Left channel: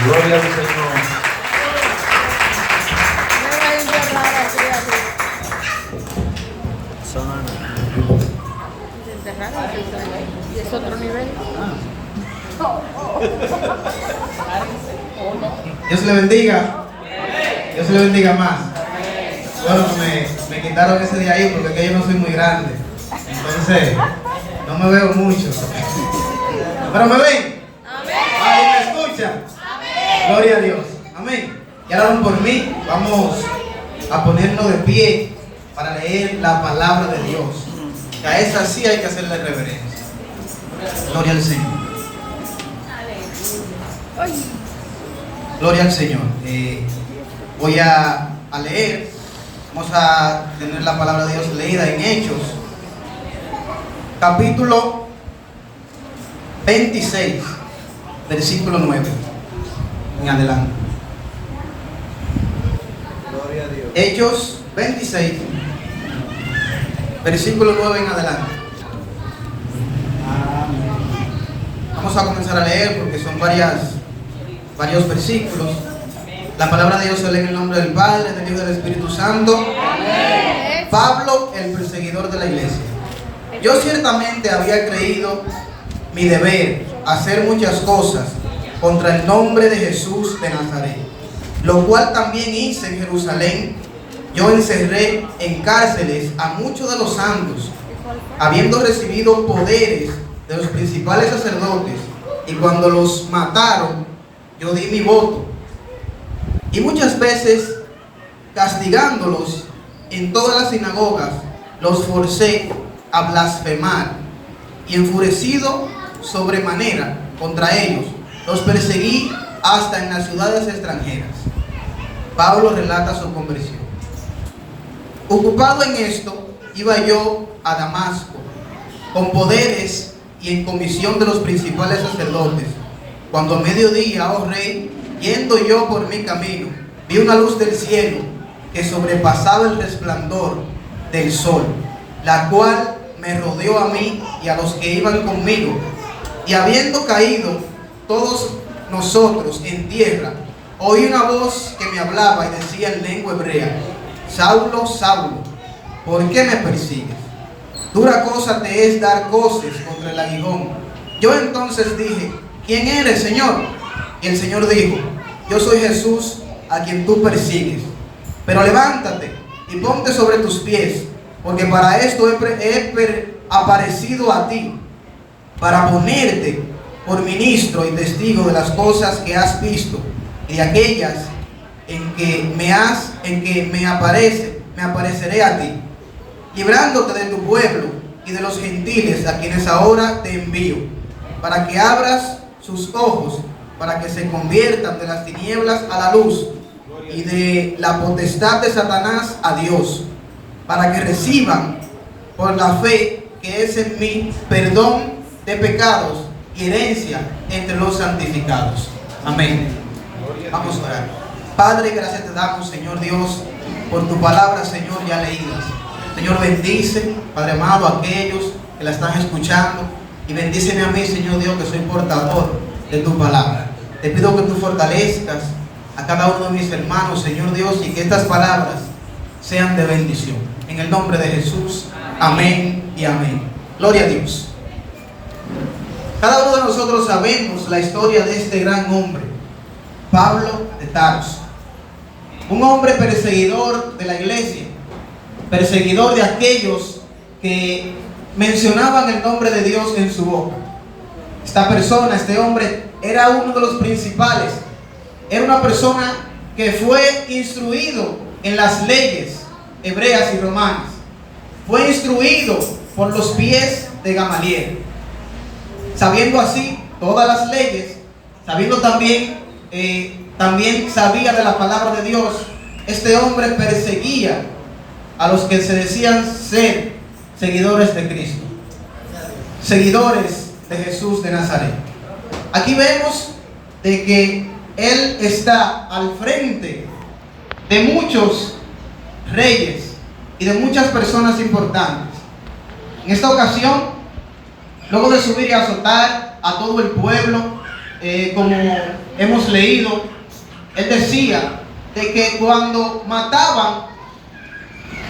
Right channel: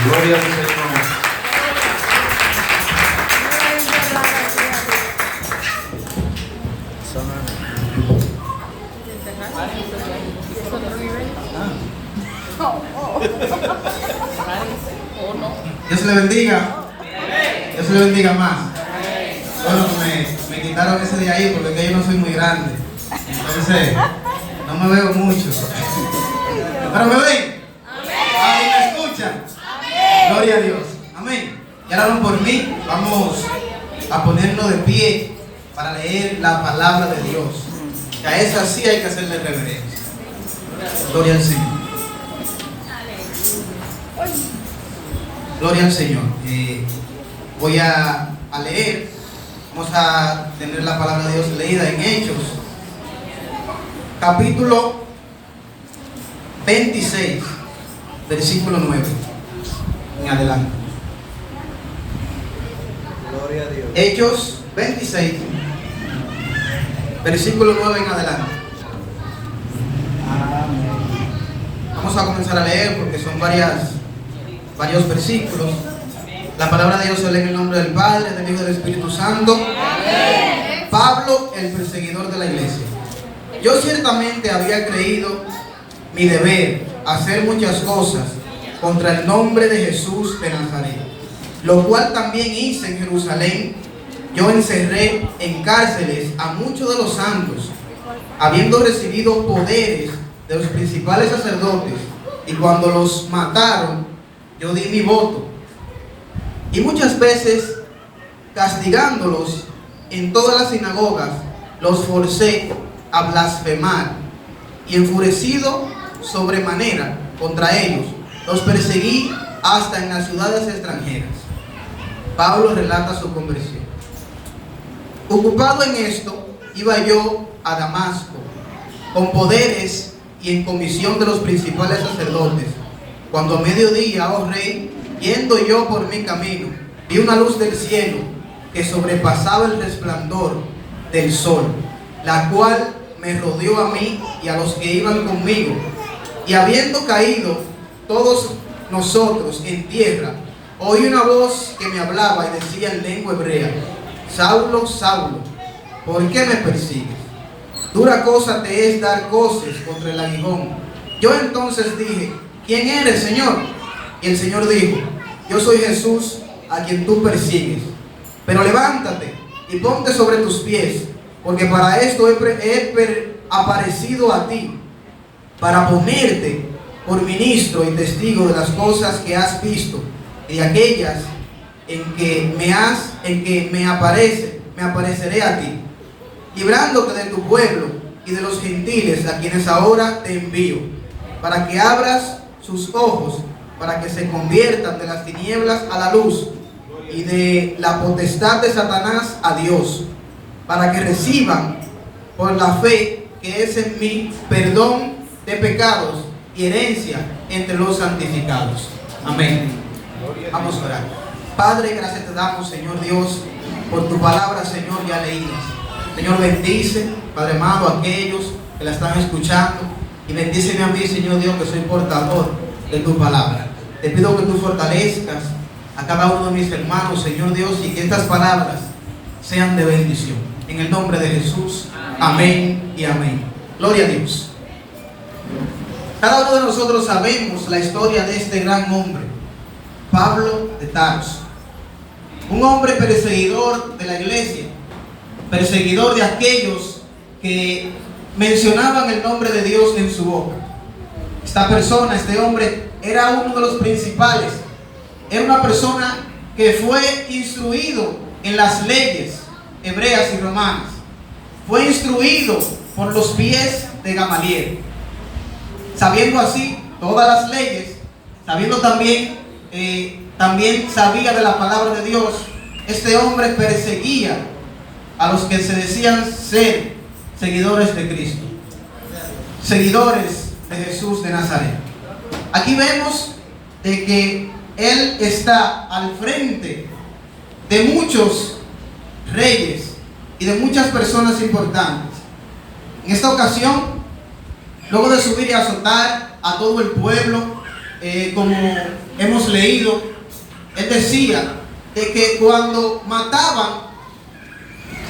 Gloria al Señor. Dios le bendiga. Dios le bendiga más. Bueno, me quitaron ese de ahí porque es que yo no soy muy grande. Entonces, no me veo mucho. ¿Pero me ven? ¿Ahí me escuchan? Gloria a Dios. Amén. Ya oraron por mí. Vamos a ponernos de pie para leer la palabra de Dios. Que a esa sí hay que hacerle reverencia. Gloria al Señor. Gloria al Señor. Voy a leer. Vamos a tener la palabra de Dios leída en Hechos, capítulo 26, versículo 9 en adelante. Gloria a Dios. Hechos 26, versículo 9 en adelante. Vamos a comenzar a leer porque son varios versículos. La palabra de Dios se lee en el nombre del Padre, del Hijo y del Espíritu Santo. Amén. Pablo, el perseguidor de la iglesia. Yo ciertamente había creído mi deber hacer muchas cosas contra el nombre de Jesús de Nazaret, lo cual también hice en Jerusalén. Yo encerré en cárceles a muchos de los santos, habiendo recibido poderes de los principales sacerdotes, y cuando los mataron, yo di mi voto. Y muchas veces, castigándolos en todas las sinagogas, los forcé a blasfemar, y enfurecido sobremanera contra ellos, los perseguí hasta en las ciudades extranjeras. Pablo relata su conversión. Ocupado en esto, iba yo a Damasco, con poderes y en comisión de los principales sacerdotes, cuando a mediodía, oh rey, yendo yo por mi camino, vi una luz del cielo que sobrepasaba el resplandor del sol, la cual me rodeó a mí y a los que iban conmigo. Y habiendo caído todos nosotros en tierra, oí una voz que me hablaba y decía en lengua hebrea: Saulo, Saulo, ¿por qué me persigues? Dura cosa te es dar coces contra el aguijón. Yo entonces dije: ¿quién eres, Señor? Y el Señor dijo: yo soy Jesús, a quien tú persigues. Pero levántate y ponte sobre tus pies, porque para esto he aparecido a ti, para ponerte por ministro y testigo de las cosas que has visto y de aquellas en que me apareceré a ti, librándote de tu pueblo y de los gentiles a quienes ahora te envío, para que abras sus ojos, para que se conviertan de las tinieblas a la luz y de la potestad de Satanás a Dios, para que reciban por la fe que es en mí perdón de pecados y herencia entre los santificados. Amén. Vamos a orar. Padre, gracias te damos, Señor Dios, por tu palabra, Señor, ya leídas. Señor, bendice, Padre amado, a aquellos que la están escuchando, y bendíceme a mí, Señor Dios, que soy portador de tu palabra. Te pido que tú fortalezcas a cada uno de mis hermanos, Señor Dios, y que estas palabras sean de bendición. En el nombre de Jesús, amén y amén. Gloria a Dios. Cada uno de nosotros sabemos la historia de este gran hombre, Pablo de Tarso. Un hombre perseguidor de la iglesia, perseguidor de aquellos que mencionaban el nombre de Dios en su boca. Esta persona, este hombre, era uno de los principales. Era una persona que fue instruido en las leyes hebreas y romanas. Fue instruido por los pies de Gamaliel. Sabiendo así todas las leyes, sabiendo también sabía de la palabra de Dios, este hombre perseguía a los que se decían ser seguidores de Cristo, seguidores de Jesús de Nazaret. Aquí vemos de que él está al frente de muchos reyes y de muchas personas importantes. En esta ocasión, luego de subir y azotar a todo el pueblo, como hemos leído, él decía de que cuando mataban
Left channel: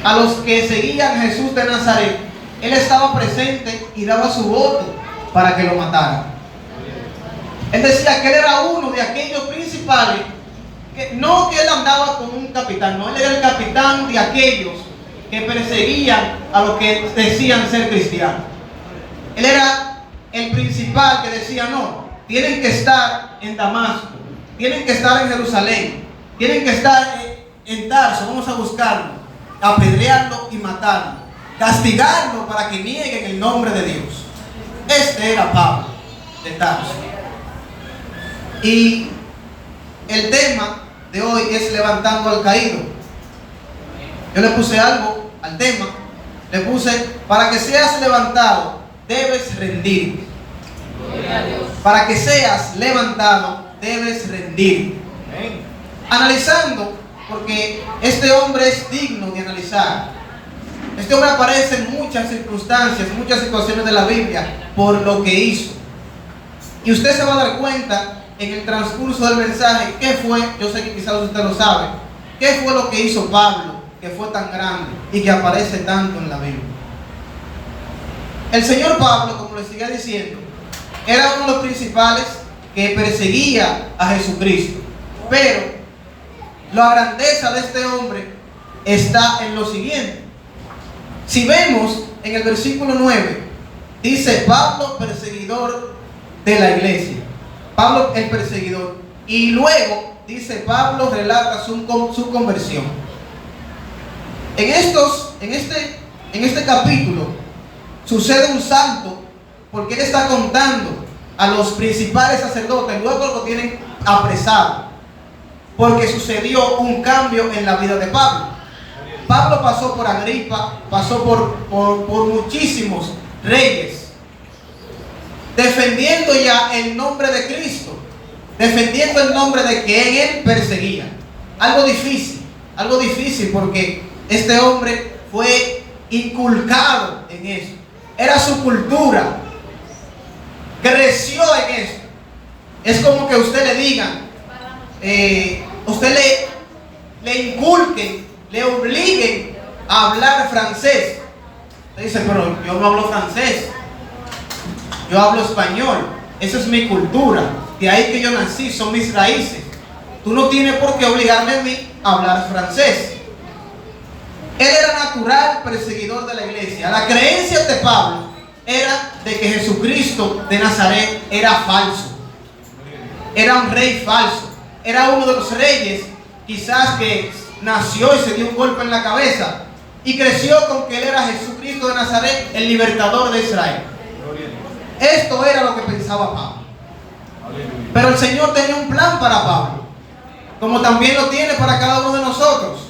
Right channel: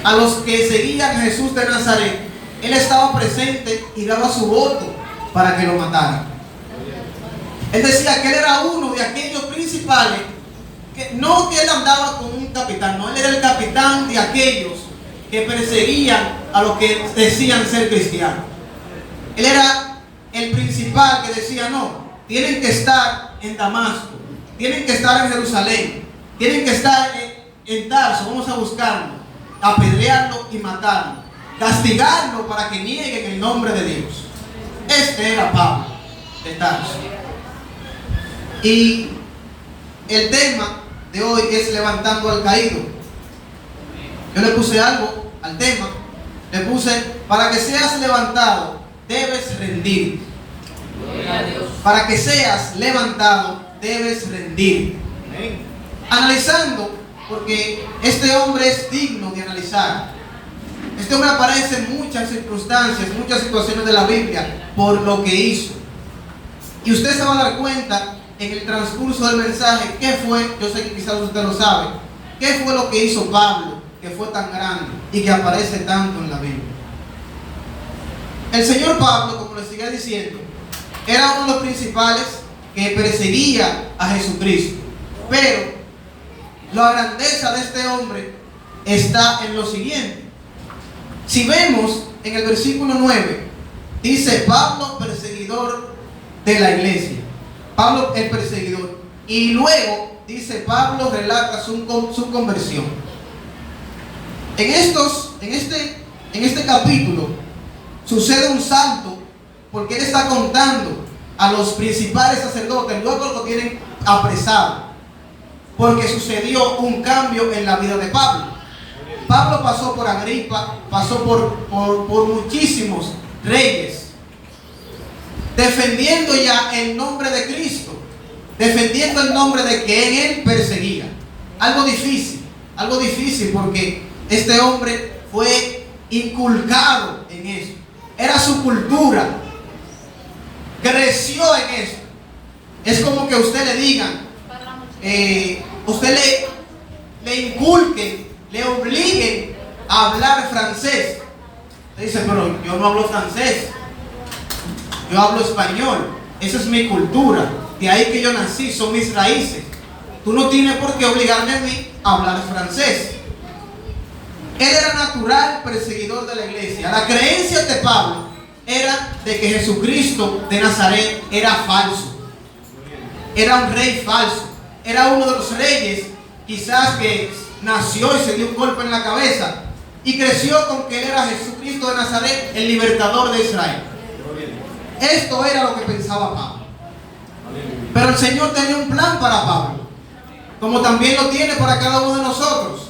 a los que seguían a Jesús de Nazaret, él estaba presente y daba su voto para que lo mataran. Él decía que él era uno de aquellos principales, que no que él andaba con un capitán, no, él era el capitán de aquellos que perseguían a los que decían ser cristianos. Él era el principal que decía, no, tienen que estar en Damasco, tienen que estar en Jerusalén, tienen que estar en Tarso, vamos a buscarlo, apedrearlo y matarlo, castigarlo para que nieguen el nombre de Dios. Este era Pablo de Tarso. Y el tema de hoy es levantando al caído. Yo le puse algo al tema, le puse, para que seas levantado, debes rendir. Para que seas levantado, debes rendir. Analizando, porque este hombre es digno de analizar. Este hombre aparece en muchas circunstancias, muchas situaciones de la Biblia, por lo que hizo. Y usted se va a dar cuenta en el transcurso del mensaje qué fue, yo sé que quizás usted lo sabe, qué fue lo que hizo Pablo, que fue tan grande y que aparece tanto en la Biblia. El Señor Pablo, como le sigue diciendo, era uno de los principales que perseguía a Jesucristo. Pero la grandeza de este hombre está en lo siguiente. Si vemos en el versículo 9, dice Pablo, perseguidor de la iglesia. Pablo el perseguidor. Y luego dice Pablo, relata su conversión. En este capítulo sucede un salto, porque él está contando a los principales sacerdotes, luego lo tienen apresado, porque sucedió un cambio en la vida de Pablo. Pablo pasó por Agripa, pasó por muchísimos reyes, defendiendo ya el nombre de Cristo, defendiendo el nombre de que él perseguía. Algo difícil porque este hombre fue inculcado en eso. Era su cultura, creció en eso. Es como que usted le digan, usted le inculquen, le obliguen a hablar francés. Usted dice, pero yo no hablo francés, yo hablo español, esa es mi cultura, de ahí que yo nací, son mis raíces. Tú no tienes por qué obligarme a mí a hablar francés. Él era natural perseguidor de la iglesia. La creencia de Pablo era de que Jesucristo de Nazaret era falso, era un rey falso, era uno de los reyes quizás que nació y se dio un golpe en la cabeza y creció con que él era Jesucristo de Nazaret, el libertador de Israel. Esto era lo que pensaba Pablo. Pero el Señor tenía un plan para Pablo, como también lo tiene para cada uno de nosotros.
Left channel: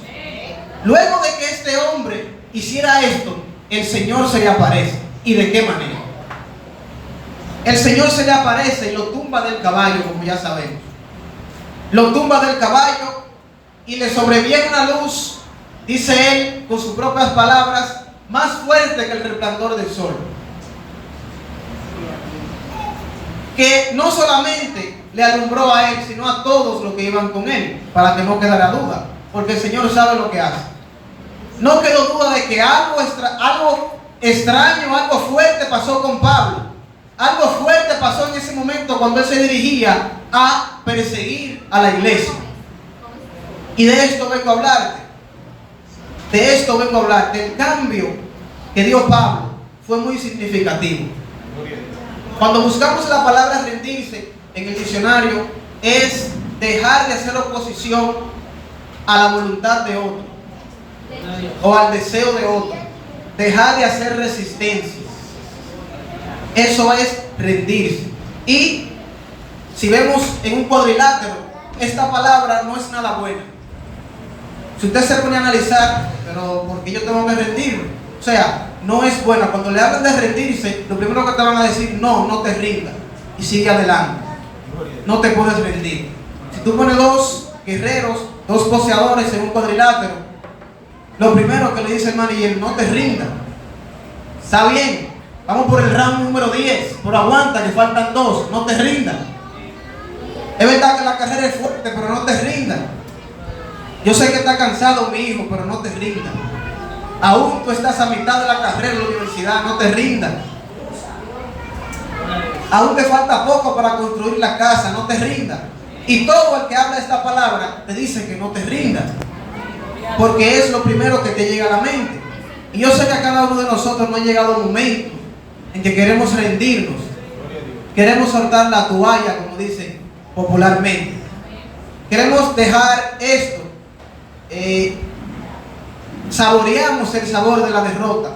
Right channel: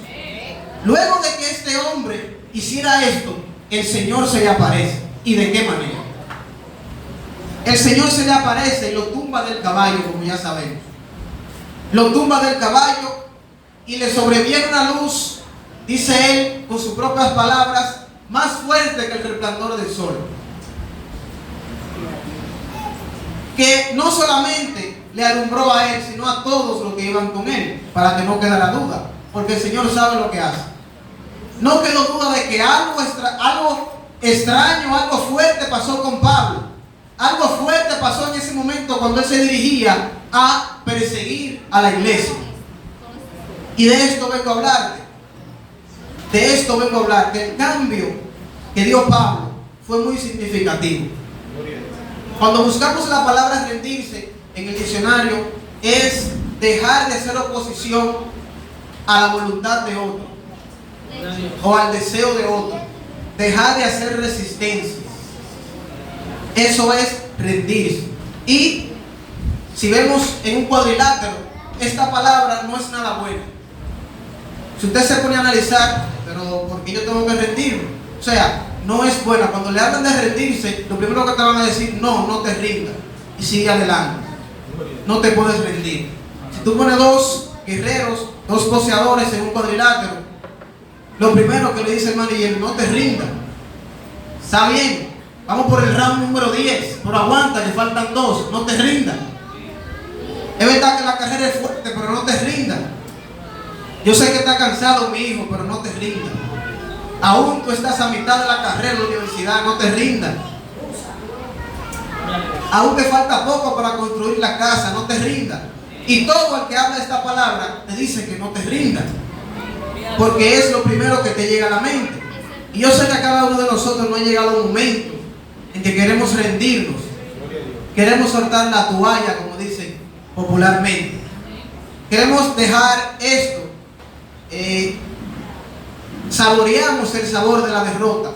Luego de que este hombre hiciera esto, el Señor se le aparece. ¿Y de qué manera? El Señor se le aparece y lo tumba del caballo, como ya sabemos. Lo tumba del caballo y le sobreviene una luz, dice él con sus propias palabras, más fuerte que el resplandor del sol, que no solamente le alumbró a él, sino a todos los que iban con él, para que no quedara duda, porque el Señor sabe lo que hace. No quedó duda de que algo extraño, algo fuerte pasó con Pablo. Algo fuerte pasó en ese momento cuando él se dirigía a perseguir a la iglesia. Y de esto vengo a hablarte. De esto vengo a hablar. Del cambio que dio Pablo fue muy significativo. Cuando buscamos la palabra rendirse en el diccionario, es dejar de hacer oposición a la voluntad de otro o al deseo de otro. Dejar de hacer resistencia. Eso es rendirse. Y si vemos en un cuadrilátero, esta palabra no es nada buena. Si usted se pone a analizar, pero ¿por qué yo tengo que rendirme? O sea, no es buena. Cuando le hablan de rendirse, lo primero que te van a decir, no te rindas y sigue adelante. No te puedes rendir. Si tú pones dos guerreros, dos boxeadores en un cuadrilátero, lo primero que le dice el manager, no te rindas. Está bien, vamos por el round número 10, pero aguanta, le faltan 2, no te rindas. Es verdad que la carrera es fuerte, pero no te rindas. Yo sé que está cansado mi hijo, pero no te rindas. Aún tú estás a mitad de la carrera en la universidad, no te rindas. Aún te falta poco para construir la casa, no te rindas. Y todo el que habla esta palabra te dice que no te rindas, porque es lo primero que te llega a la mente. Y yo sé que a cada uno de nosotros no ha llegado un momento en que queremos rendirnos, queremos soltar la toalla, como dicen popularmente. Queremos dejar esto, saboreamos el sabor de la derrota,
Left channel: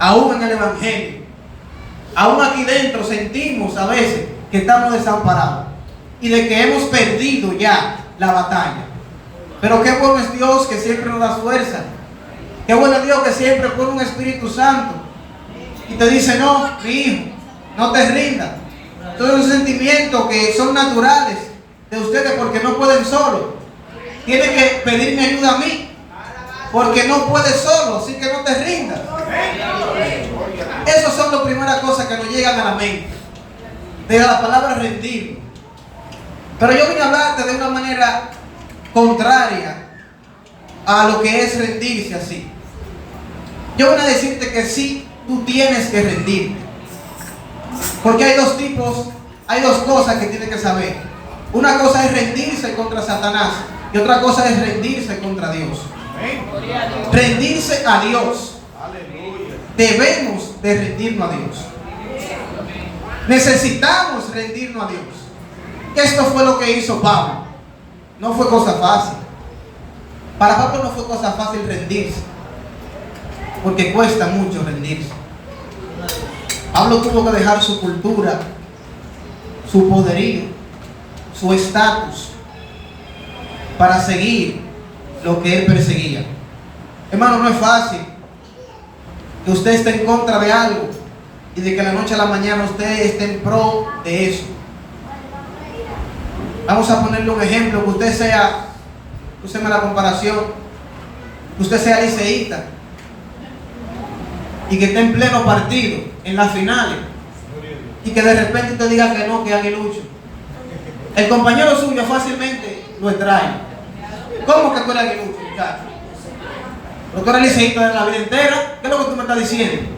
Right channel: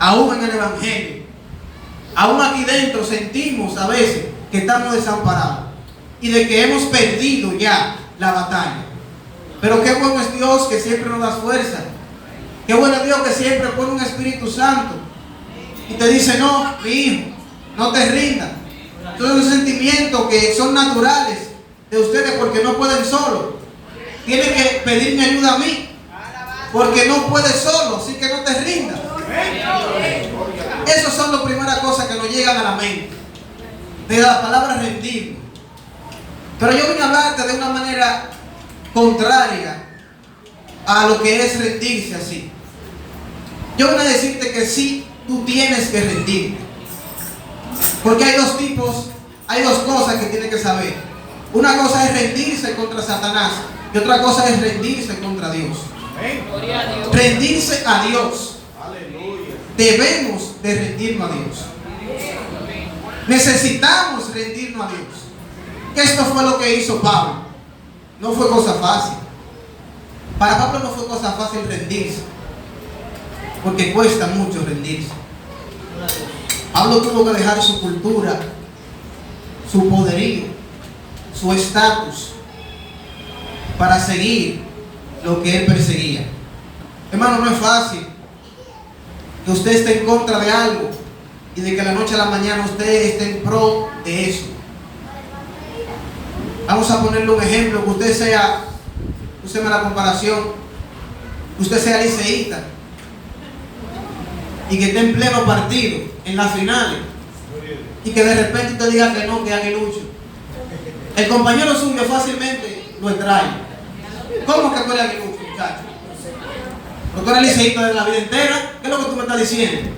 aún en el Evangelio. Aún aquí dentro sentimos a veces que estamos desamparados y de que hemos perdido ya la batalla. Pero qué bueno es Dios que siempre nos da fuerza. Qué bueno es Dios que siempre pone un Espíritu Santo y te dice: no, mi hijo, no te rindas. Todos los sentimientos que son naturales de ustedes, porque no pueden solo. Tienen que pedirme ayuda a mí, porque no puedes solo, así que no te rindas. Esas son las primeras cosas que nos llegan a la mente, de la palabra rendir. Pero yo vine a hablarte de una manera contraria a lo que es rendirse así. Yo vine a decirte que sí, tú tienes que rendirte. Porque hay dos tipos, hay dos cosas que tienes que saber. Una cosa es rendirse contra Satanás y otra cosa es rendirse contra Dios. Rendirse a Dios. Debemos de rendirnos a Dios. Necesitamos rendirnos a Dios. Esto fue lo que hizo Pablo. No fue cosa fácil. Para Pablo no fue cosa fácil rendirse, porque cuesta mucho rendirse. Pablo tuvo que dejar su cultura, su poderío, su estatus, para seguir lo que él perseguía. Hermano, no es fácil que usted esté en contra de algo y de que de la noche a la mañana usted esté en pro de eso. Vamos a ponerle un ejemplo, que usted sea, úseme la comparación, que usted sea liceísta y que esté en pleno partido, en las finales, y que de repente usted diga que no, que aguilucho. El compañero suyo fácilmente lo extrae. ¿Cómo que tú eres aguilucho, muchacho? ¿No tú eres liceísta de la vida entera? ¿Qué es lo que tú me estás diciendo?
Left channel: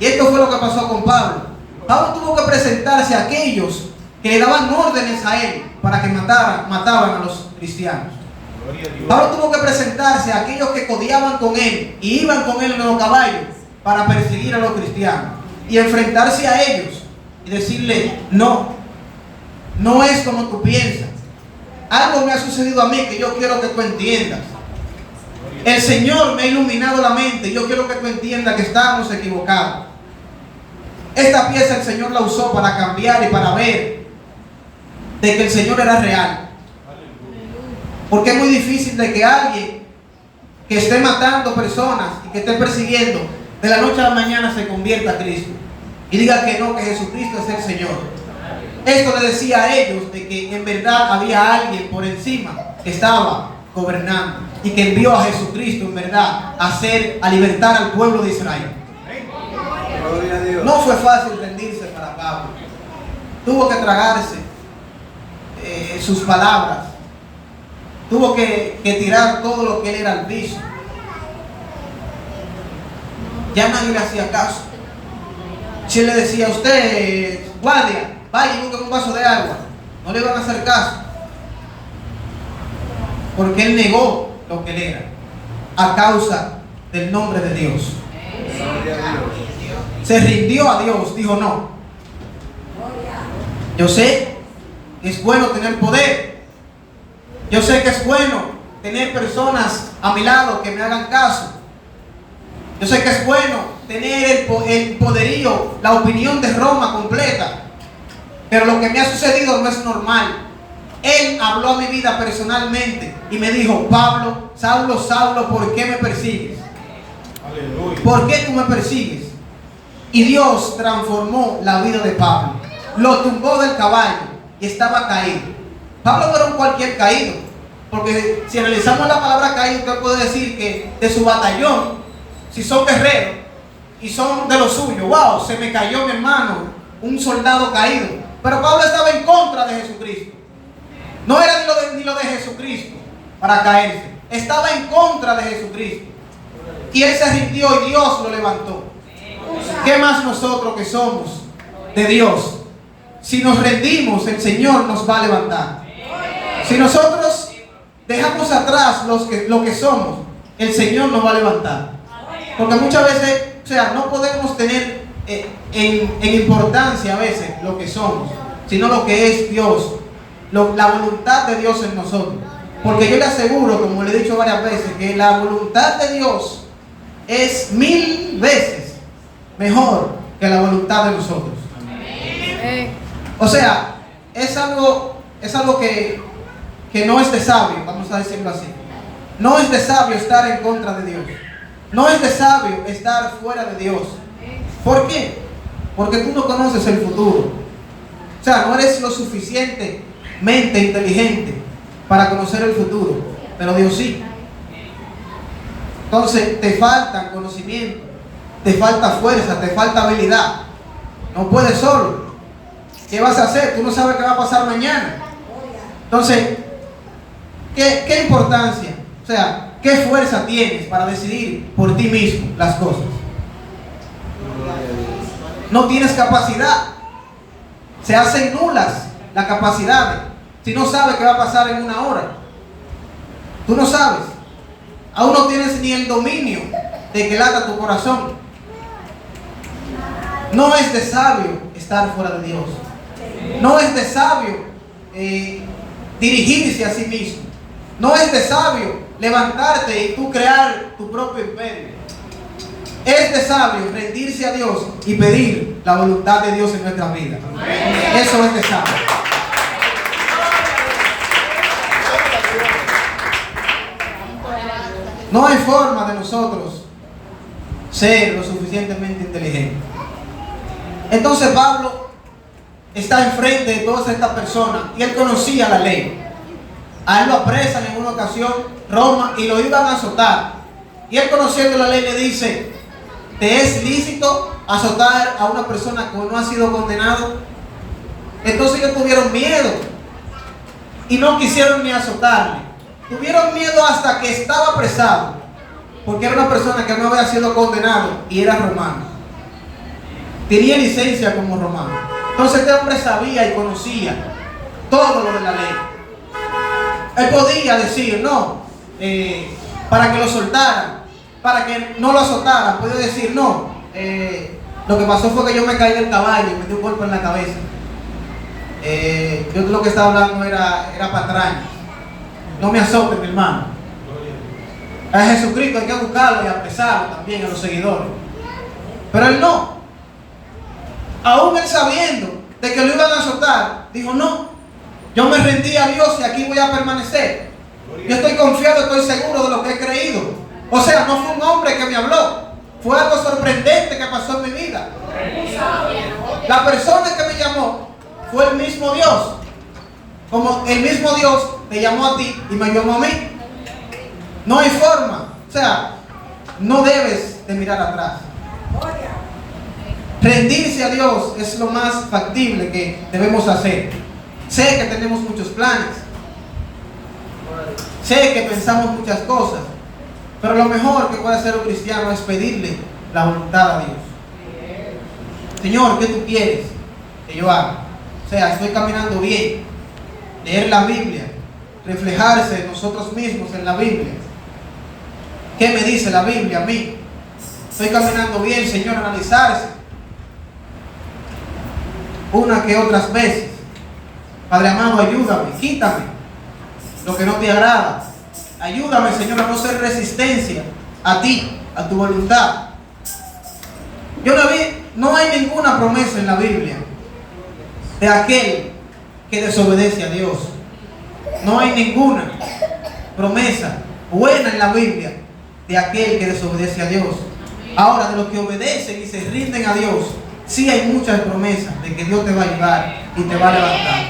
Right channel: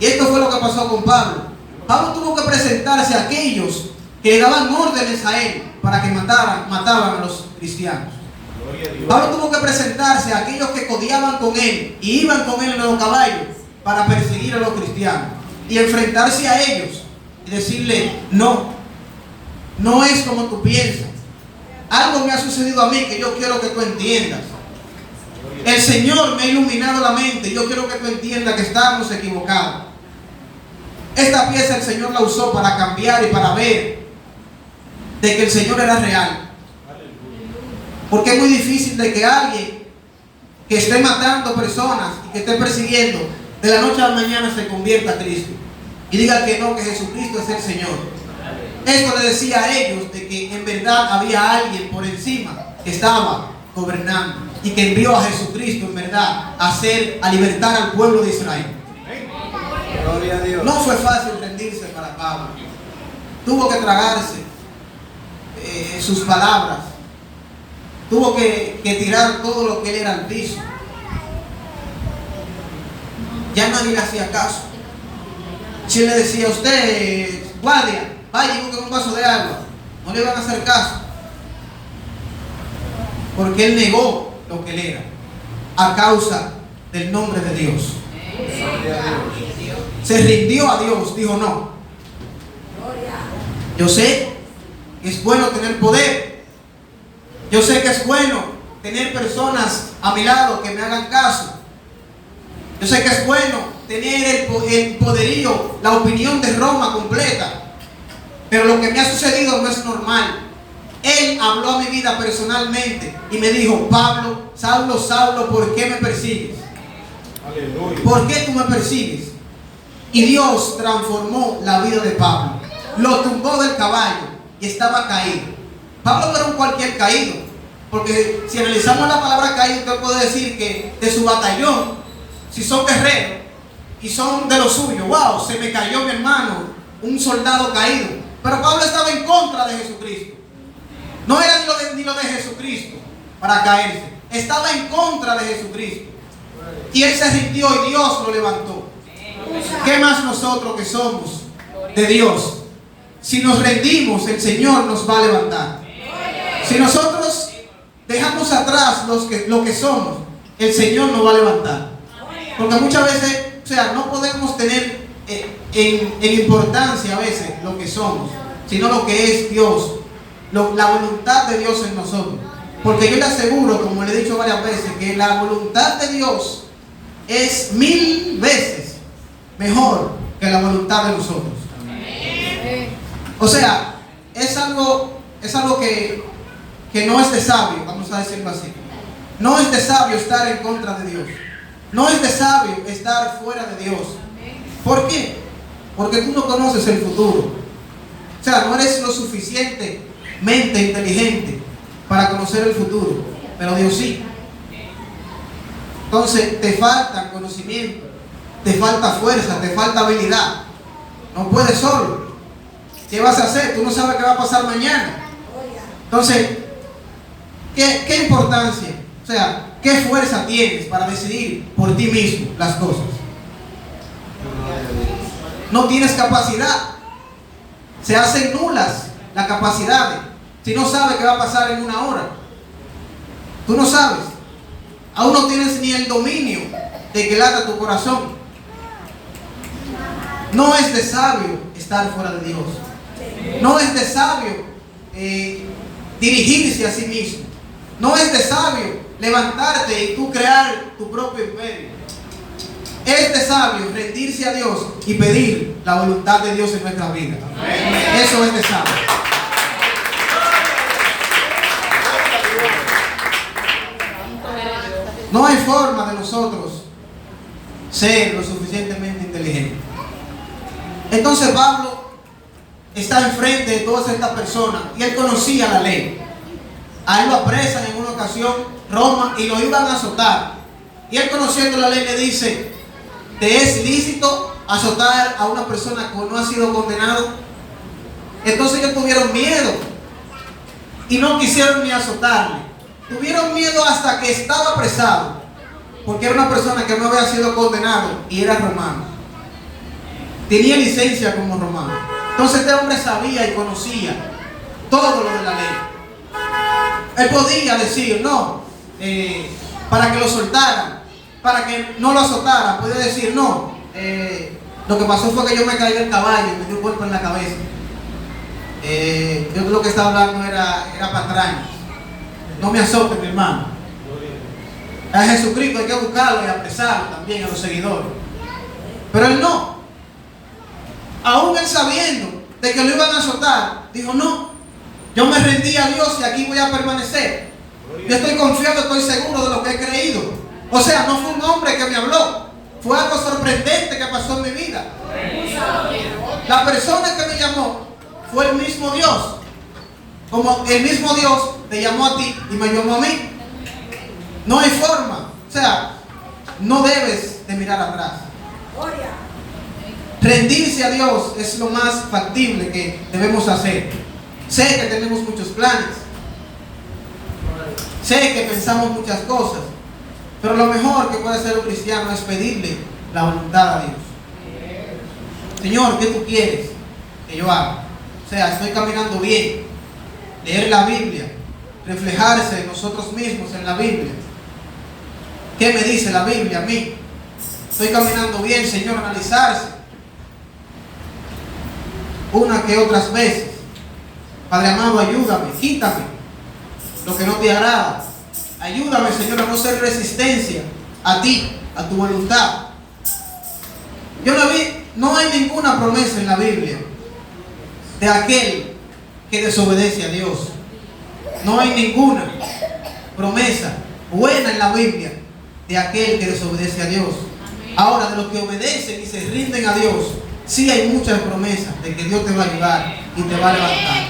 Y esto fue lo que pasó con Pablo. Pablo tuvo que presentarse a aquellos que le daban órdenes a él para que mataban a los cristianos. Pablo tuvo que presentarse a aquellos que codiaban con él y iban con él en los caballos para perseguir a los cristianos y enfrentarse a ellos y decirle: no, no es como tú piensas. Algo me ha sucedido a mí que yo quiero que tú entiendas. El Señor me ha iluminado la mente y yo quiero que tú entiendas que estamos equivocados. Esta pieza el Señor la usó para cambiar y para ver de que el Señor era real. Porque es muy difícil de que alguien que esté matando personas y que esté persiguiendo, de la noche a la mañana se convierta a Cristo y diga que no, que Jesucristo es el Señor. Esto le decía a ellos de que en verdad había alguien por encima que estaba gobernando y que envió a Jesucristo en verdad a libertar al pueblo de Israel. Gloria a Dios. No fue fácil rendirse para Pablo. Tuvo que tragarse sus palabras. Tuvo que tirar todo lo que él era al piso. Ya nadie le hacía caso. Si él le decía a usted: guardia, vaya y busque un vaso de agua, no le iban a hacer caso, porque él negó lo que él era a causa del nombre de Dios. Se rindió a Dios, dijo: no, yo sé que es bueno tener poder, yo sé que es bueno tener personas a mi lado que me hagan caso, yo sé que es bueno tener el poderío, la opinión de Roma completa, pero lo que me ha sucedido no es normal. Él habló a mi vida personalmente y me dijo: Pablo, Saulo, Saulo, ¿por qué me persigues? Aleluya. ¿Por qué tú me persigues? Y Dios transformó la vida de Pablo. Lo tumbó del caballo y estaba caído. Pablo no era un cualquier caído, porque si analizamos la palabra caído, usted puede decir que de su batallón, si son guerreros y son de lo suyo, wow, se me cayó mi hermano, un soldado caído. Pero Pablo estaba en contra de Jesucristo. No era ni lo de Jesucristo para caerse. Estaba en contra de Jesucristo. Y él se rindió y Dios lo levantó. ¿Qué más nosotros que somos de Dios? Si nos rendimos, el Señor nos va a levantar. Si nosotros dejamos atrás lo que somos, el Señor nos va a levantar. Porque muchas veces, o sea, no podemos tener en importancia a veces lo que somos, sino lo que es Dios, la voluntad de Dios en nosotros. Porque yo le aseguro, como le he dicho varias veces, que la voluntad de Dios es 1000 veces mejor que la voluntad de nosotros. O sea, es algo que no es de sabio, vamos a decirlo así. No es de sabio estar en contra de Dios. No es de sabio estar fuera de Dios. ¿Por qué? Porque tú no conoces el futuro. O sea, no eres lo suficientemente inteligente para conocer el futuro, pero Dios sí. Entonces te falta conocimiento, te falta fuerza, te falta habilidad. No puedes solo. ¿Qué vas a hacer? Tú no sabes qué va a pasar mañana. Entonces, ¿qué importancia? O sea, ¿qué fuerza tienes para decidir por ti mismo las cosas? No tienes capacidad. Se hacen nulas las capacidades si no sabes qué va a pasar en una hora. Tú no sabes. Aún no tienes ni el dominio de que lata tu corazón. No es de sabio estar fuera de Dios. No es de sabio dirigirse a sí mismo. No es de sabio levantarte y tú crear tu propio imperio. Es de sabio rendirse a Dios y pedir la voluntad de Dios en nuestra vida. Eso es de sabio. No hay forma de nosotros ser lo suficientemente inteligentes. Entonces Pablo está enfrente de todas estas personas y él conocía la ley. A él lo apresan en una ocasión Roma y lo iban a azotar. Y él, conociendo la ley, le dice: ¿te es lícito azotar a una persona que no ha sido condenado? Entonces ellos tuvieron miedo y no quisieron ni azotarle. Tuvieron miedo hasta que estaba apresado, porque era una persona que no había sido condenado y era romano. Tenía licencia como romano. Entonces este hombre sabía y conocía todo lo de la ley. Él podía decir no, para que lo soltaran, para que no lo azotaran. Puede decir no, lo que pasó fue que yo me caí del caballo y me dio un golpe en la cabeza. Yo lo que estaba hablando era patrañas. No me azoten, mi hermano. A Jesucristo hay que buscarlo y apresarlo también, a los seguidores. Pero él no. Aún él sabiendo de que lo iban a azotar, dijo no, yo me rendí a Dios y aquí voy a permanecer. Yo estoy confiado, estoy seguro de lo que he creído. O sea, no fue un hombre que me habló, fue algo sorprendente que pasó en mi vida. La persona que me llamó fue el mismo Dios. Como el mismo Dios te llamó a ti y me llamó a mí. No hay forma. O sea, no debes de mirar atrás. Rendirse a Dios es lo más factible que debemos hacer. Sé que tenemos muchos planes. Sé que pensamos muchas cosas. Pero lo mejor que puede hacer un cristiano es pedirle la voluntad a Dios. Señor, ¿qué tú quieres que yo haga? O sea, estoy caminando bien. Leer la Biblia, reflejarse nosotros mismos en la Biblia. ¿Qué me dice la Biblia a mí? Estoy caminando bien, Señor, analizarse una que otras veces. Padre amado, ayúdame, quítame lo que no te agrada. Ayúdame, Señor, a no ser resistencia a ti, a tu voluntad. No hay ninguna promesa en la Biblia de aquel que desobedece a Dios. No hay ninguna promesa buena en la Biblia de aquel que desobedece a Dios. Ahora, de los que obedecen y se rinden a Dios, sí hay muchas promesas de que Dios te va a ayudar y te va a levantar.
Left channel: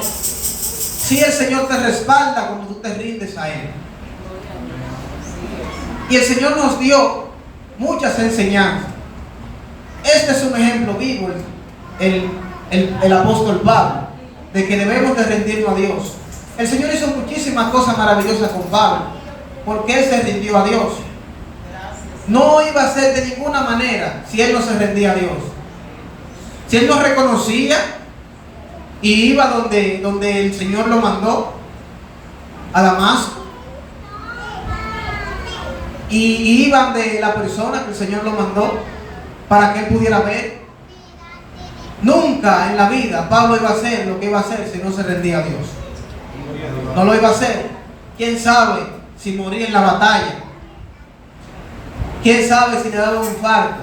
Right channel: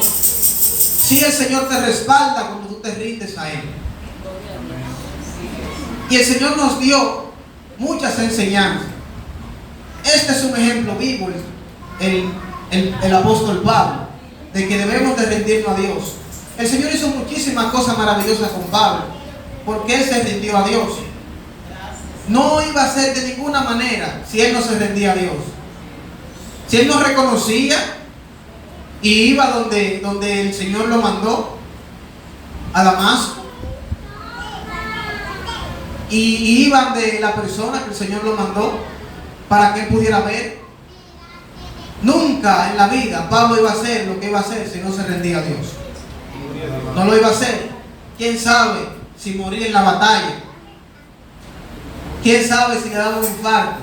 Sí, el Señor te respalda cuando tú te rindes a Él. Y el Señor nos dio muchas enseñanzas. Este es un ejemplo vivo, el apóstol Pablo. de que debemos de rendirnos a Dios. El Señor hizo muchísimas cosas maravillosas con Pablo, porque él se rindió a Dios. No iba a ser de ninguna manera si él no se rendía a Dios. Si él no reconocía y iba donde el Señor lo mandó, a Damasco, y iban de la persona que el Señor lo mandó para que él pudiera ver, nunca en la vida Pablo iba a hacer lo que iba a hacer si no se rendía a Dios. No lo iba a hacer. ¿Quién sabe si moría en la batalla? ¿Quién sabe si le daba un infarto?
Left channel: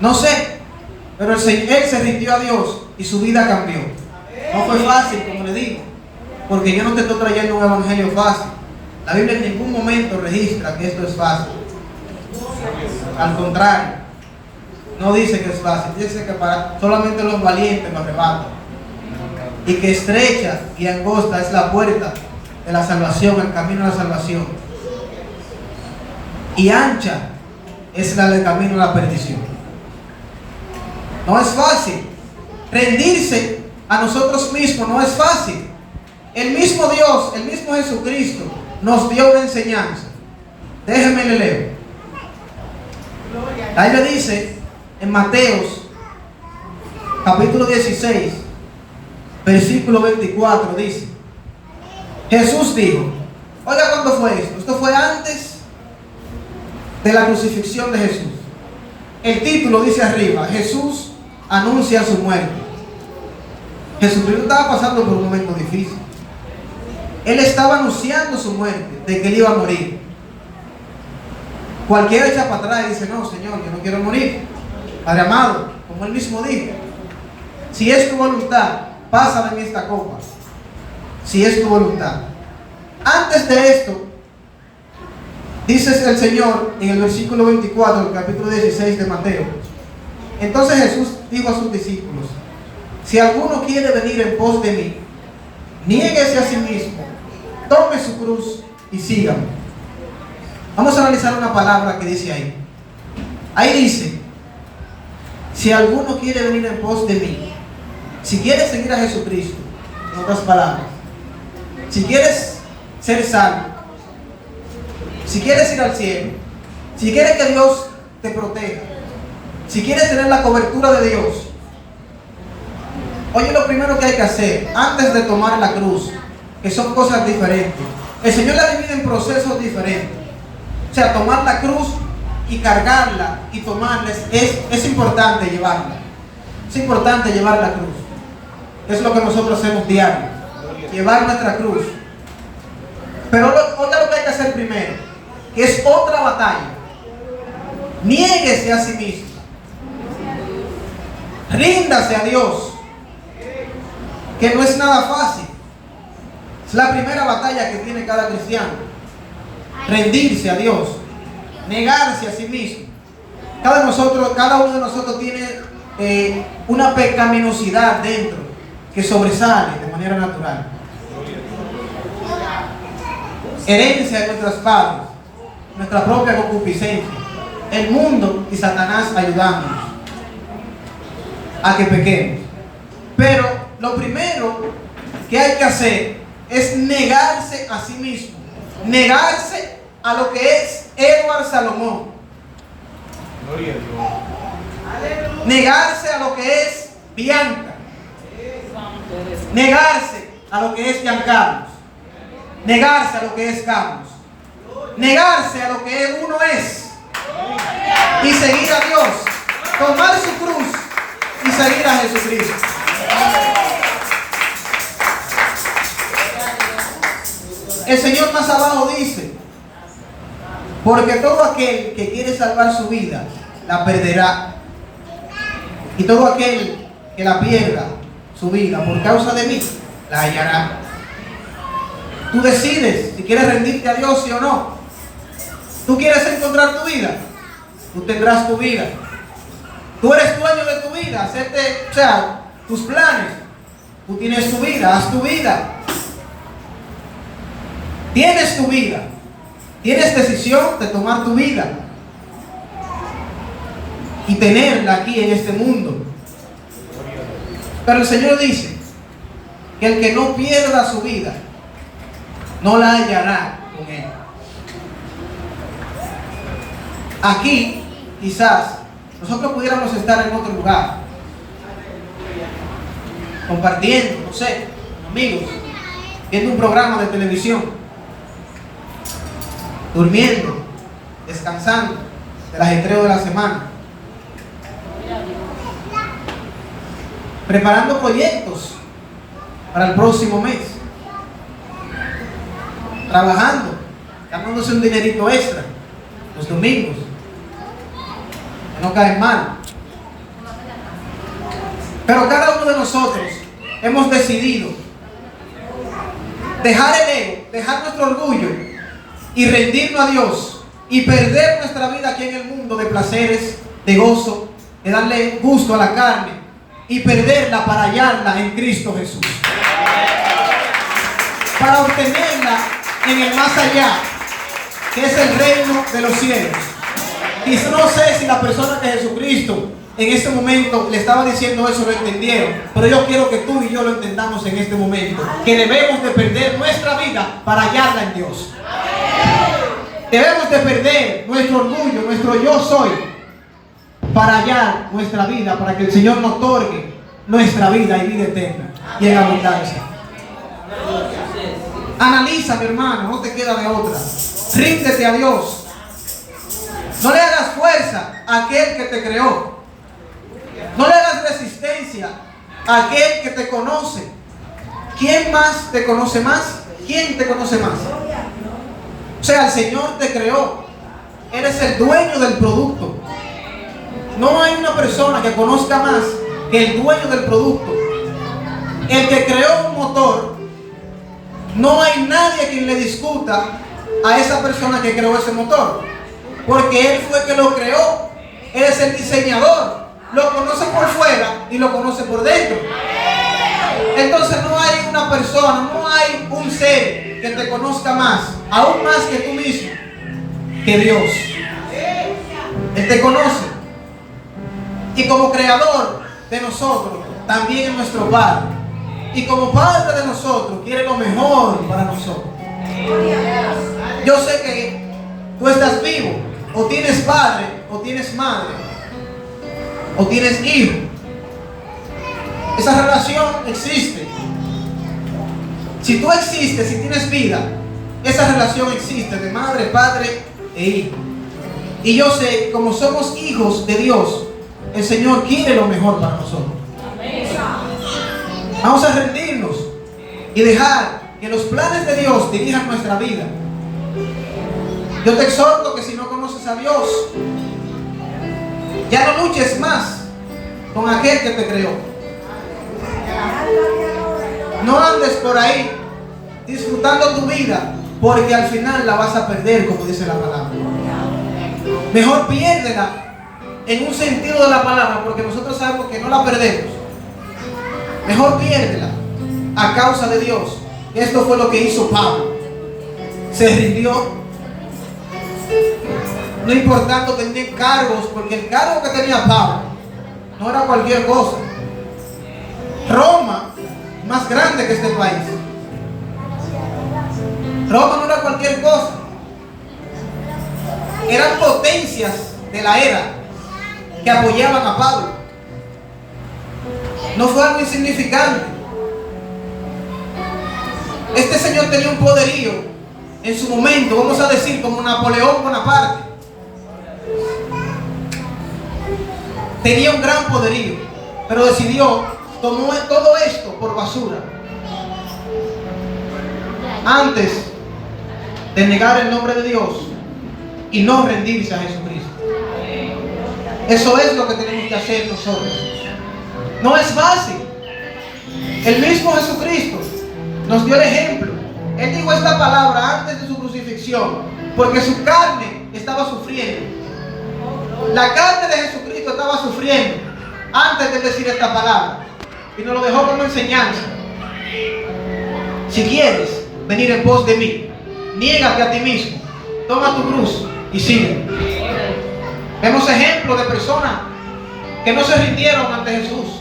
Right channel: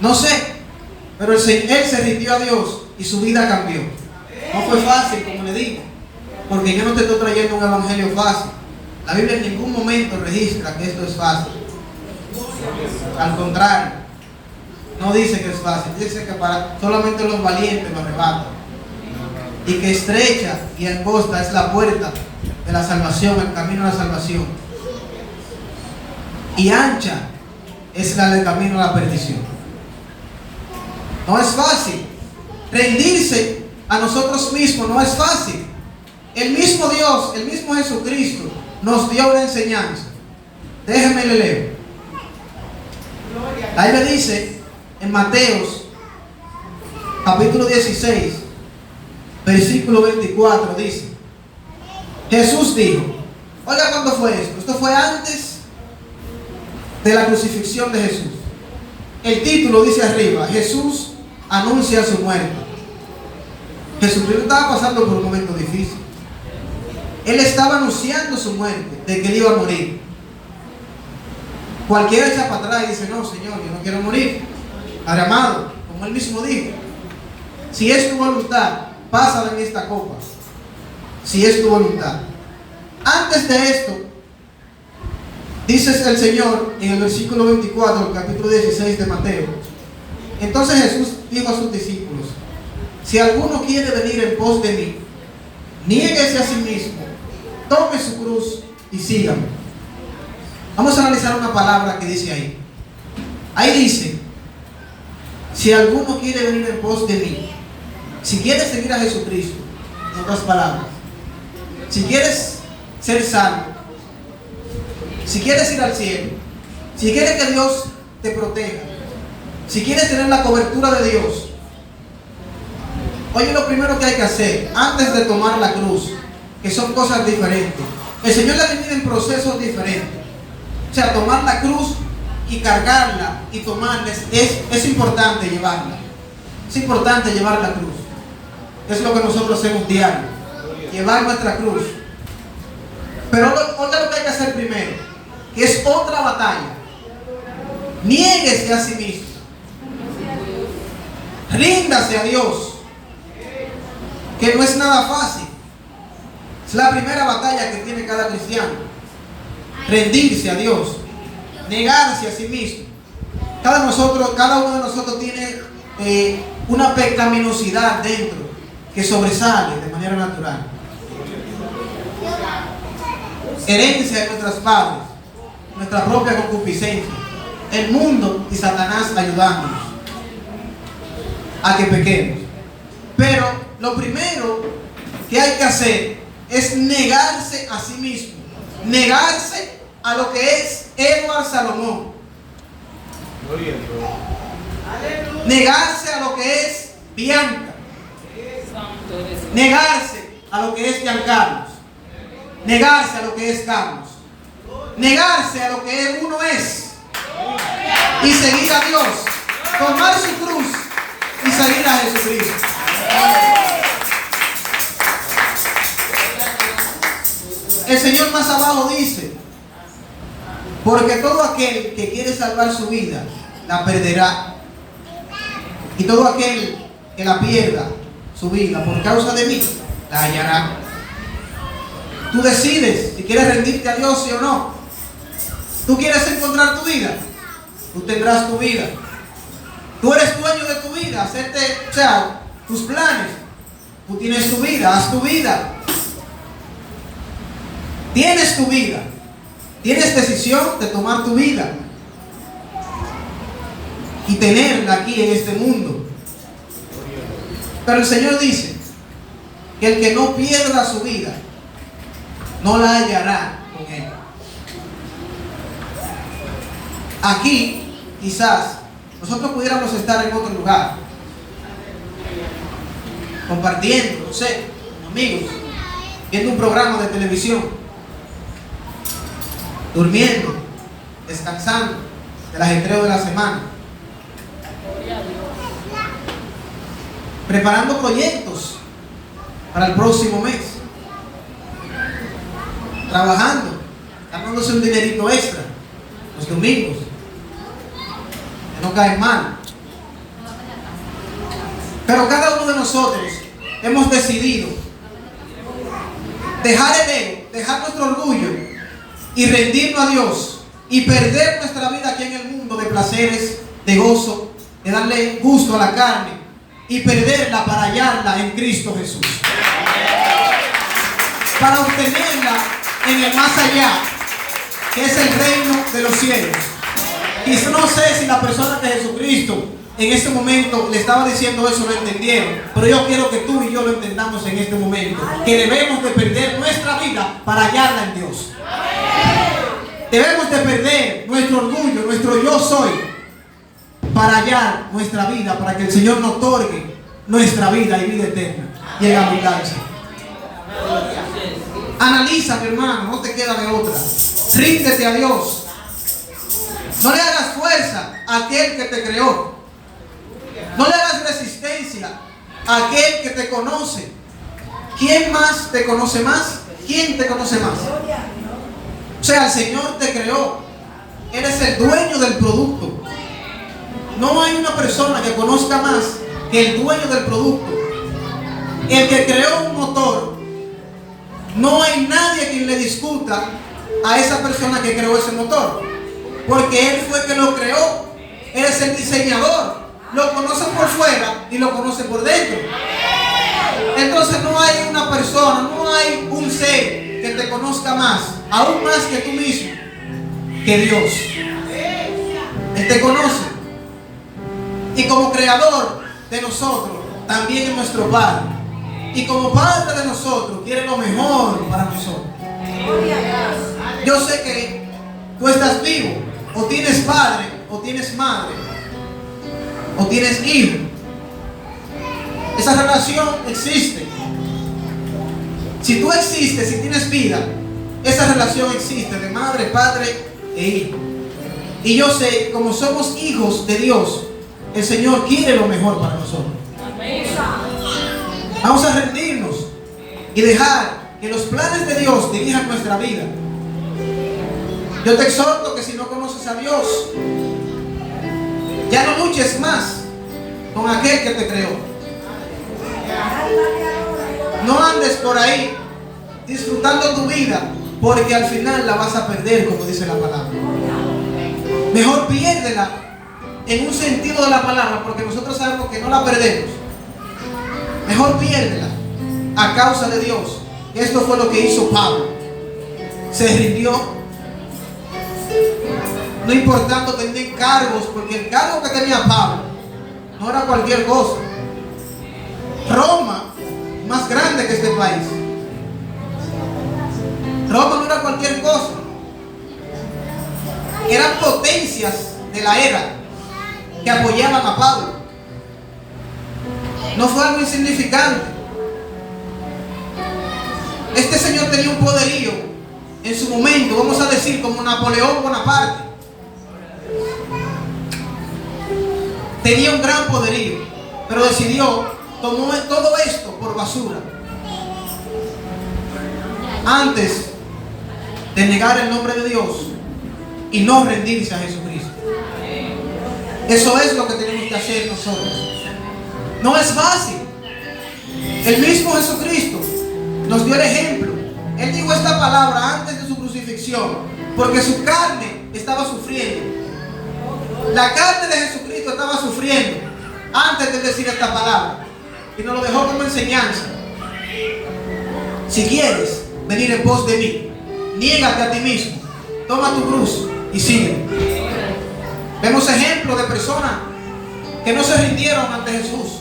No sé. Pero él se rindió a Dios y su vida cambió. No fue fácil, como le digo, porque yo no te estoy trayendo un evangelio fácil. La Biblia en ningún momento registra que esto es fácil. Al contrario, no dice que es fácil, dice que para solamente los valientes lo arrebatan. Y que estrecha y angosta es la puerta de la salvación, el camino a la salvación. Y ancha es la del camino a la perdición. No es fácil. Rendirse a nosotros mismos no es fácil. El mismo Dios, el mismo Jesucristo nos dio una enseñanza. Déjenme le leo. Ahí le dice en Mateos capítulo 16 versículo 24, dice: Jesús dijo, oiga, ¿cuándo fue esto? Esto fue antes de la crucifixión de Jesús. El título dice arriba: Jesús anuncia su muerte. Jesucristo estaba pasando por un momento difícil. Él estaba anunciando su muerte, de que él iba a morir. Cualquiera echa para atrás y dice: no, Señor, yo no quiero morir. Padre amado, como él mismo dijo, si es tu voluntad, pasa de mí esta copa. Si es tu voluntad. Antes de esto, dice el Señor en el versículo 24 del capítulo 16 de Mateo: entonces Jesús dijo a sus discípulos: si alguno quiere venir en pos de mí, niéguese a sí mismo, tome su cruz y sígame. Vamos a analizar una palabra que dice ahí. Ahí dice: si alguno quiere venir en pos de mí. Si quieres seguir a Jesucristo, en otras palabras, si quieres ser salvo, si quieres ir al cielo, si quieres que Dios te proteja, si quieres tener la cobertura de Dios, oye, lo primero que hay que hacer antes de tomar la cruz, que son cosas diferentes. El Señor la divide en procesos diferentes. O sea, tomar la cruz y cargarla y tomarla es importante llevarla. Es importante llevar la cruz. Es lo que nosotros hacemos diario, llevar nuestra cruz. Pero otra lo que hay que hacer primero, que es otra batalla. Niéguese a sí mismo. Ríndase a Dios, que no es nada fácil. Es la primera batalla que tiene cada cristiano. Rendirse a Dios, negarse a sí mismo. Cada uno de nosotros tiene una pecaminosidad dentro que sobresale de manera natural. Herencia de nuestros padres, nuestra propia concupiscencia, el mundo y Satanás ayudándonos a que pequemos. Pero lo primero que hay que hacer es negarse a sí mismo, negarse a lo que es Edward Salomón, negarse a lo que es Bianca, negarse a lo que es Giancarlos, negarse a lo que es Carlos, negarse a lo que uno es y seguir a Dios, tomar su cruz y seguir a Jesucristo. El Señor más abajo dice: porque todo aquel que quiere salvar su vida la perderá, y todo aquel que la pierda su vida por causa de mí la hallará. Tú decides si quieres rendirte a Dios, sí o no. Tú quieres encontrar tu vida, tú tendrás tu vida. Tú eres dueño de tu vida, tus planes. Tú tienes tu vida, haz tu vida. Tienes tu vida. Tienes decisión de tomar tu vida y tenerla aquí en este mundo. Pero el Señor dice: que el que no pierda su vida no la hallará con Él. Aquí, quizás, nosotros pudiéramos estar en otro lugar, compartiendo, no sé, con amigos, viendo un programa de televisión, durmiendo, descansando del ajetreo de la semana, preparando proyectos para el próximo mes, trabajando, ganándose un dinerito extra los domingos, que no caen mal. Pero cada uno de nosotros hemos decidido dejar el ego, dejar nuestro orgullo y rendirnos a Dios y perder nuestra vida aquí en el mundo de placeres, de gozo, de darle gusto a la carne y perderla para hallarla en Cristo Jesús, para obtenerla en el más allá, que es el reino de los cielos. Y no sé si la persona de Jesucristo en este momento le estaba diciendo eso, lo entendieron, pero yo quiero que tú y yo lo entendamos en este momento, que debemos de perder nuestra vida para hallarla en Dios. Debemos de perder nuestro orgullo, nuestro yo soy, para hallar nuestra vida, para que el Señor nos otorgue nuestra vida y vida eterna y en abundancia. Analiza, mi hermano, no te queda de otra. Ríndete a Dios. No le hagas fuerza a aquel que te creó. No le hagas resistencia a aquel que te conoce. ¿Quién más te conoce más? ¿Quién te conoce más? O sea, el Señor te creó. Eres el dueño del producto. No hay una persona que conozca más que el dueño del producto. El que creó un motor, no hay nadie quien le discuta a esa persona que creó ese motor, porque él fue que lo creó. Él es el diseñador. Lo conoce por fuera y lo conoce por dentro. Entonces no hay una persona, no hay un ser que te conozca más, aún más que tú mismo, que Dios. Él te conoce. Y como creador de nosotros, también es nuestro Padre. Y como Padre de nosotros, quiere lo mejor para nosotros. Yo sé que tú estás vivo, o tienes padre, o tienes madre, o tienes hijo. Esa relación existe. Si tú existes, si tienes vida, esa relación existe de madre, padre e hijo. Y yo sé que como somos hijos de Dios, el Señor quiere lo mejor para nosotros. Vamos a rendirnos y dejar que los planes de Dios dirijan nuestra vida. Yo te exhorto que si no conoces a Dios, ya no luches más con aquel que te creó. No andes por ahí disfrutando tu vida, porque al final la vas a perder, como dice la palabra. Mejor piérdela en un sentido de la palabra, porque nosotros sabemos que no la perdemos. Mejor piérdela a causa de Dios. Esto fue lo que hizo Pablo. Se rindió, no importando tener cargos, porque el cargo que tenía Pablo no era cualquier cosa. Roma, más grande que este país. Roma no era cualquier cosa. Eran potencias de la era que apoyaban a Pablo. No fue algo insignificante. Este señor tenía un poderío en su momento, vamos a decir, como Napoleón Bonaparte. Tenía un gran poderío, pero decidió, tomó todo esto por basura, antes de negar el nombre de Dios y no rendirse a Jesucristo. Eso es lo que tenemos que hacer nosotros. No es fácil. El mismo Jesucristo nos dio el ejemplo. Él dijo esta palabra antes de su crucifixión, porque su carne estaba sufriendo. La carne de Jesucristo estaba sufriendo antes de decir esta palabra, y nos lo dejó como enseñanza. Si quieres venir en pos de mí, niégate a ti mismo, toma tu cruz y sigue. Vemos ejemplos de personas que no se rindieron ante Jesús,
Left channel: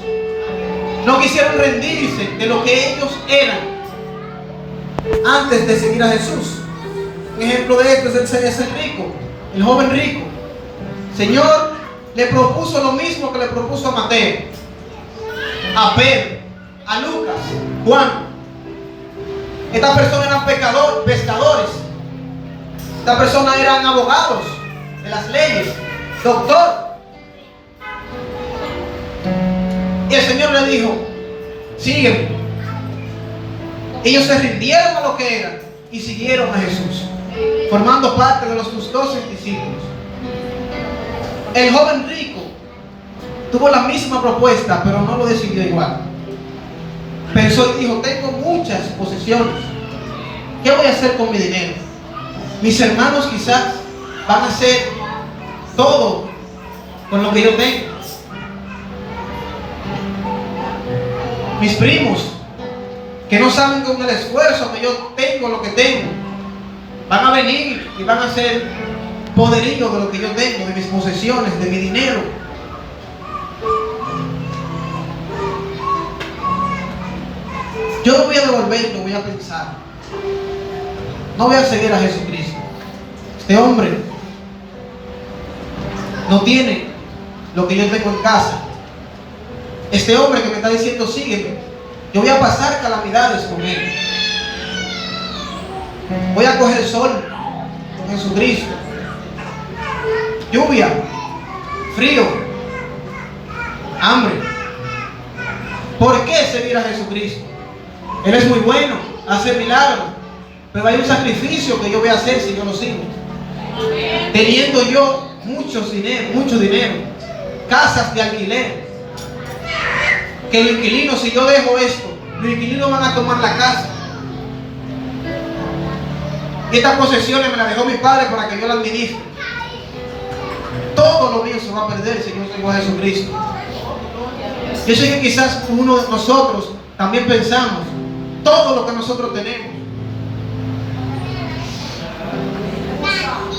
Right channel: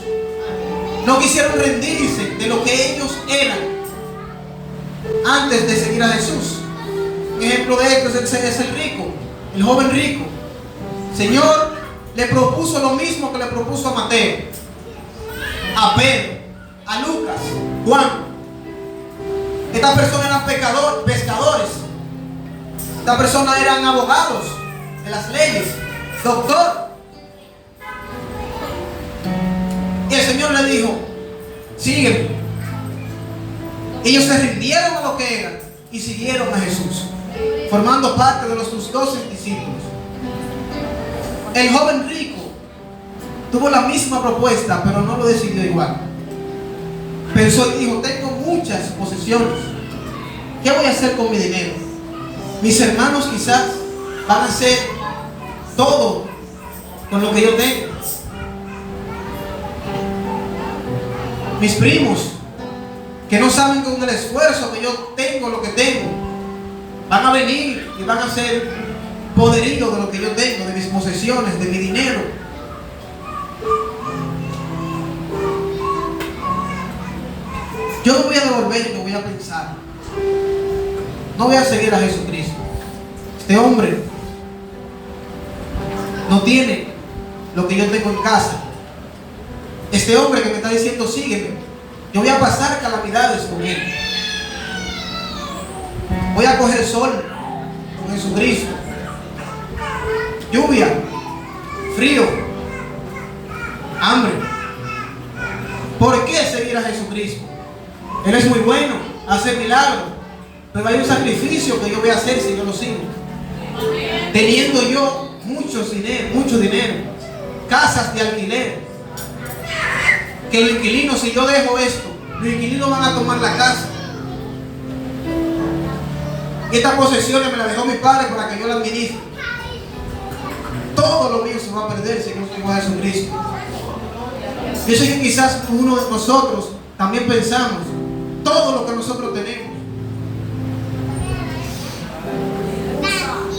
No quisieron rendirse de lo que ellos eran antes de seguir a Jesús. Un ejemplo de esto es el rico, el joven rico. El Señor le propuso lo mismo que le propuso a Mateo, a Pedro, a Lucas, Juan. Estas personas eran pescadores. Estas personas eran abogados de las leyes, doctor. Y el Señor le dijo: sígueme. Ellos se rindieron a lo que eran y siguieron a Jesús, formando parte de sus 12 discípulos. El joven rico tuvo la misma propuesta, pero no lo decidió igual. Pensó y dijo: tengo muchas posesiones, ¿qué voy a hacer con mi dinero? Mis hermanos quizás van a hacer todo con lo que yo tengo. Mis primos, que no saben con el esfuerzo que yo tengo lo que tengo, van a venir y van a ser poderíos de lo que yo tengo, de mis posesiones, de mi dinero. Yo no voy a devolverlo, voy a pensar. No voy a seguir a Jesucristo. Este hombre no tiene lo que yo tengo en casa. Este hombre que me está diciendo sígueme, yo voy a pasar calamidades con él. Voy a coger sol con Jesucristo, lluvia, frío, hambre. ¿Por qué seguir a Jesucristo? Él es muy bueno, hace milagros, pero hay un sacrificio que yo voy a hacer si yo lo sigo. Teniendo yo mucho dinero, casas de alquiler, que el inquilino, si yo dejo esto, los inquilinos van a tomar la casa. Estas posesiones me las dejó mi padre para que yo las administre. Todo lo mío se va a perder si no sigo a Jesucristo. Yo sé que quizás uno de nosotros también pensamos todo lo que nosotros tenemos.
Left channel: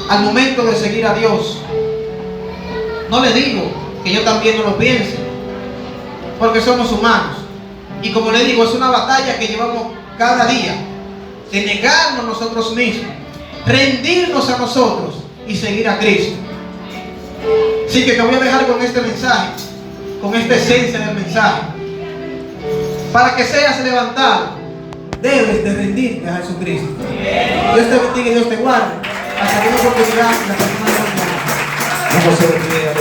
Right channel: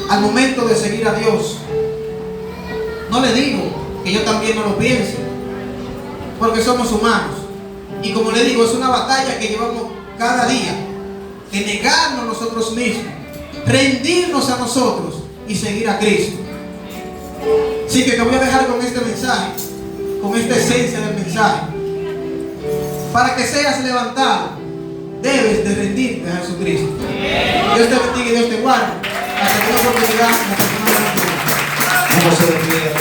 Al momento de seguir a Dios, no le digo que yo también no lo piense, porque somos humanos. Y como le digo, es una batalla que llevamos cada día, de negarnos a nosotros mismos, rendirnos a nosotros y seguir a Cristo. Así que te voy a dejar con este mensaje, con esta esencia del mensaje. Para que seas levantado, debes de rendirte a Jesucristo. Dios te bendiga y Dios te guarde. Hasta que la oportunidad, la persona de la ¿Cómo se refiere a la